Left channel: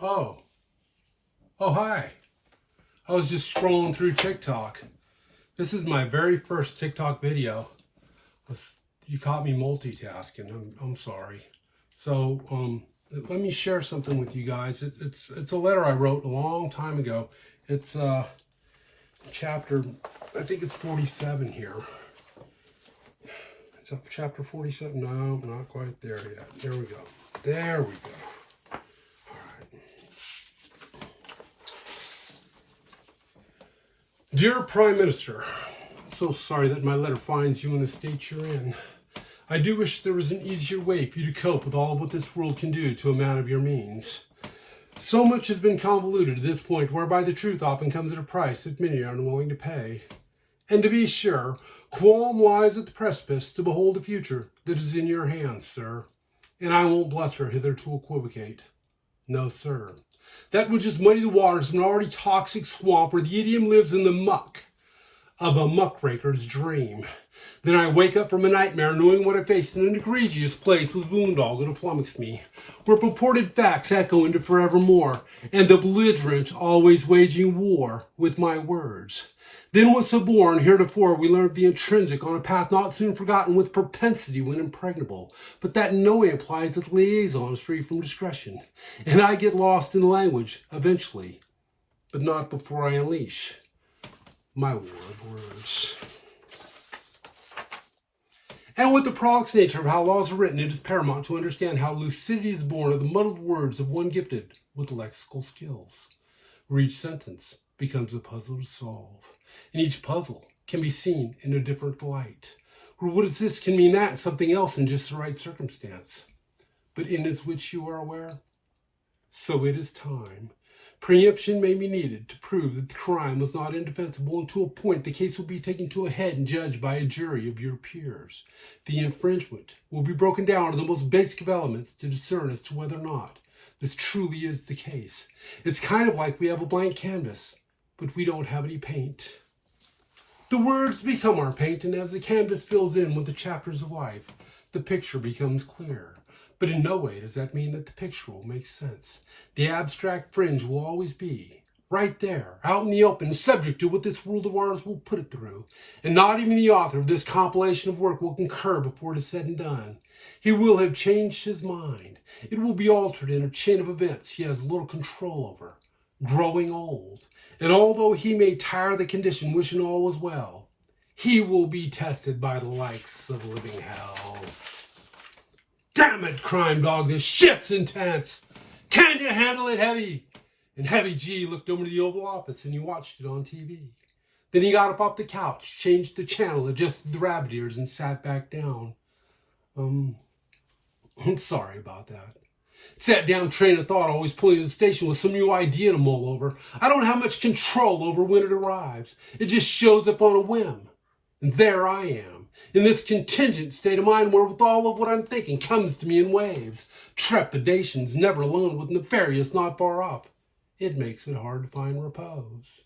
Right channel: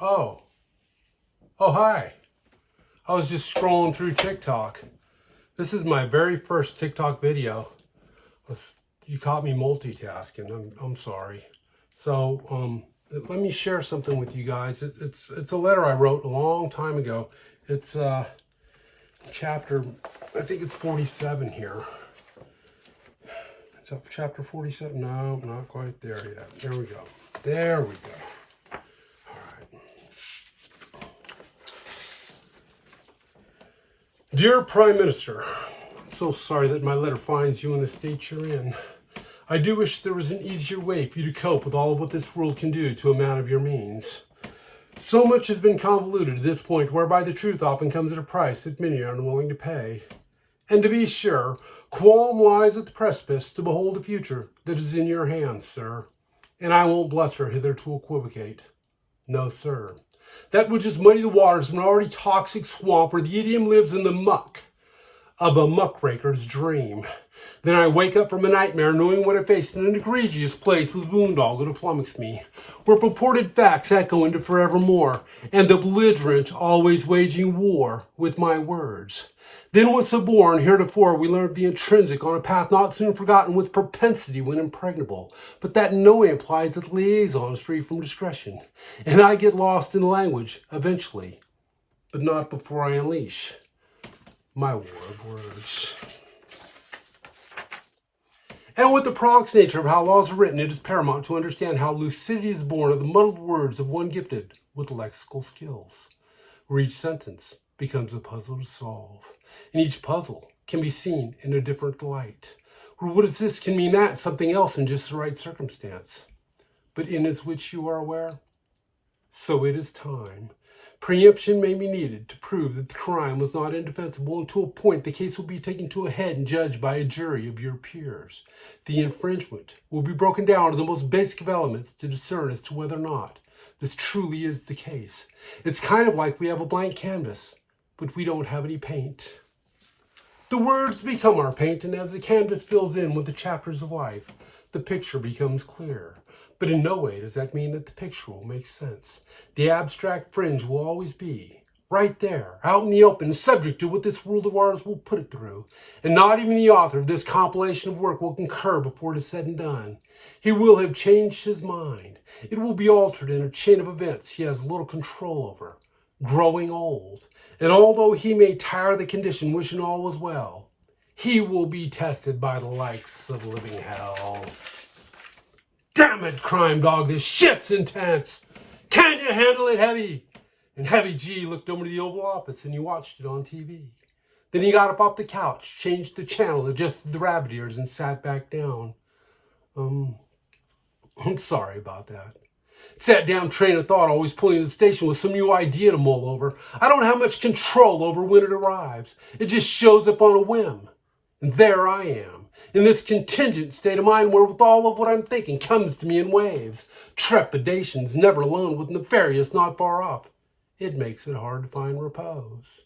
Oh, hi. I was just scrolling through TikTok. This is my very first TikTok video. You caught me multitasking. I'm sorry. So, let me share something with you guys. It's a letter I wrote a long time ago. It's chapter, I think it's 47 here. It's up chapter 47. No, not quite there yet. There we go. There we go. Dear Prime Minister, I'm so sorry that my letter finds you in the state you're in. I do wish there was an easier way for you to cope with all of what this world can do to a man of your means. So much has been convoluted to this point, whereby the truth often comes at a price that many are unwilling to pay. And to be sure, qualm lies at the precipice to behold the future that is in your hands, sir. And I won't bluster hither to equivocate. No, sir. That which has muddied the waters of an already toxic swamp where the idiom lives in the muck of a muckraker's dream. Then I wake up from a nightmare knowing what I faced in an egregious place with boondoggle to flummox me, where purported facts echo into forevermore, and the belligerent always waging war with my words. Then was so born, heretofore we learned the intrinsic on a path not soon forgotten with propensity when impregnable, but that in no way implies that liaison is free from discretion. And I get lost in language, eventually, but not before I unleash my war of words. And with the prolix nature of how laws are written, it is paramount to understand how lucidity is born of the muddled words of one gifted with lexical skills, where each sentence becomes a puzzle to solve. And each puzzle can be seen in a different light, where what is this can mean that and something else in just the right circumstance. But in as which you are aware, so it is time. Preemption may be needed to prove that the crime was not indefensible, and to a point the case will be taken to a head and judged by a jury of your peers. The infringement will be broken down to the most basic of elements to discern as to whether or not this truly is the case. It's kind of like we have a blank canvas, but we don't have any paint. The words become our paint, and as the canvas fills in with the chapters of life, the picture becomes clear. But in no way does that mean that the picture will make sense. The abstract fringe will always be right there, out in the open, subject to what this world of ours will put it through. And not even the author of this compilation of work will concur before it is said and done. He will have changed his mind. It will be altered in a chain of events he has little control over, growing old. And although he may tire the condition, wishing all was well, he will be tested by the likes of living hell. Damn it, crime dog, this shit's intense. Can you handle it, Heavy? And Heavy G looked over to the Oval Office and he watched it on TV. Then he got up off the couch, changed the channel, adjusted the rabbit ears, and sat back down. I'm sorry about that. Sat down train of thought, always pulling to the station with some new idea to mull over. I don't have much control over when it arrives. It just shows up on a whim. And there I am, in this contingent state of mind where with all of what I'm thinking comes to me in waves. Trepidations never alone with nefarious not far off. It makes it hard to find repose.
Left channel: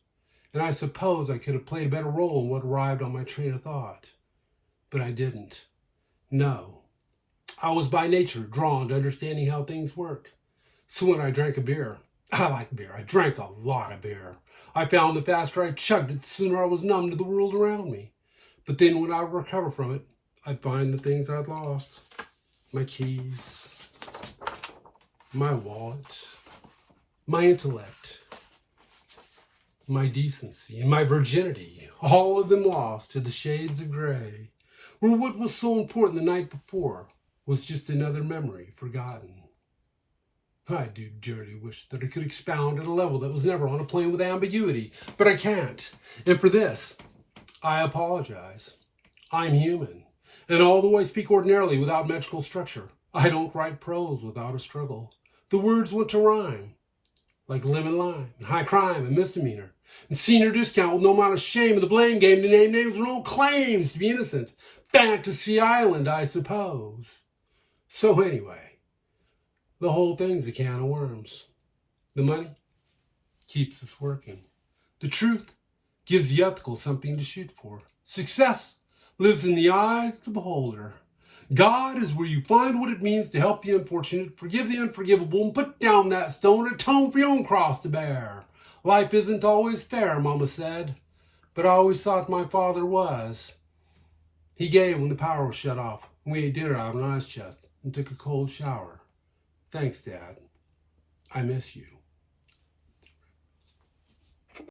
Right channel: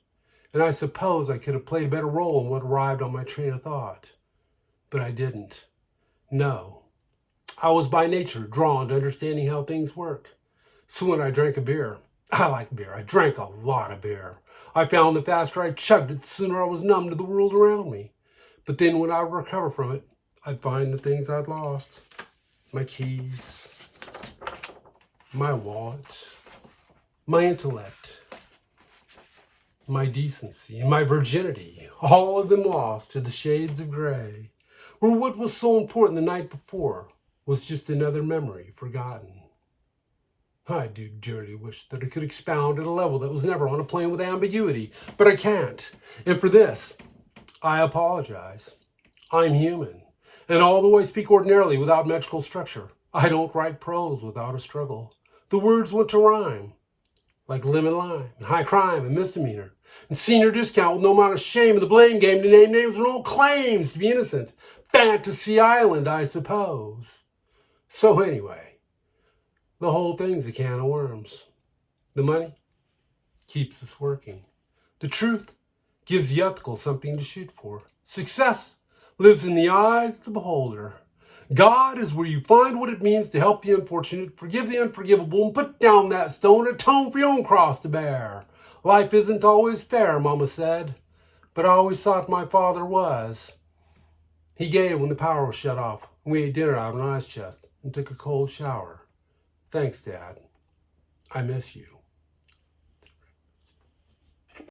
And I suppose I could have played a better role in what arrived on my train of thought. But I didn't. No. I was by nature drawn to understanding how things work. So when I drank a beer, I like beer. I drank a lot of beer. I found the faster I chugged it, the sooner I was numb to the world around me. But then when I would recover from it, I'd find the things I'd lost. My keys, my wallet, my intellect, my decency, and my virginity, all of them lost to the shades of gray, where what was so important the night before was just another memory forgotten. I do dearly wish that I could expound at a level that was never on a plane with ambiguity, but I can't. And for this, I apologize. I'm human. And although I speak ordinarily without metrical structure, I don't write prose without a struggle. The words want to rhyme, like lemon lime, and high crime, and misdemeanor, and senior discount with no amount of shame, and the blame game to name names with no claims to be innocent. Fantasy Island, I suppose. So anyway, the whole thing's a can of worms. The money keeps us working. The truth gives the ethical something to shoot for. Success lives in the eyes of the beholder. God is where you find what it means to help the unfortunate, forgive the unforgivable, and put down that stone, atone for your own cross to bear. Life isn't always fair, Mama said, but I always thought my father was. He gave when the power was shut off. We ate dinner out of an ice chest and took a cold shower. Thanks, Dad. I miss you.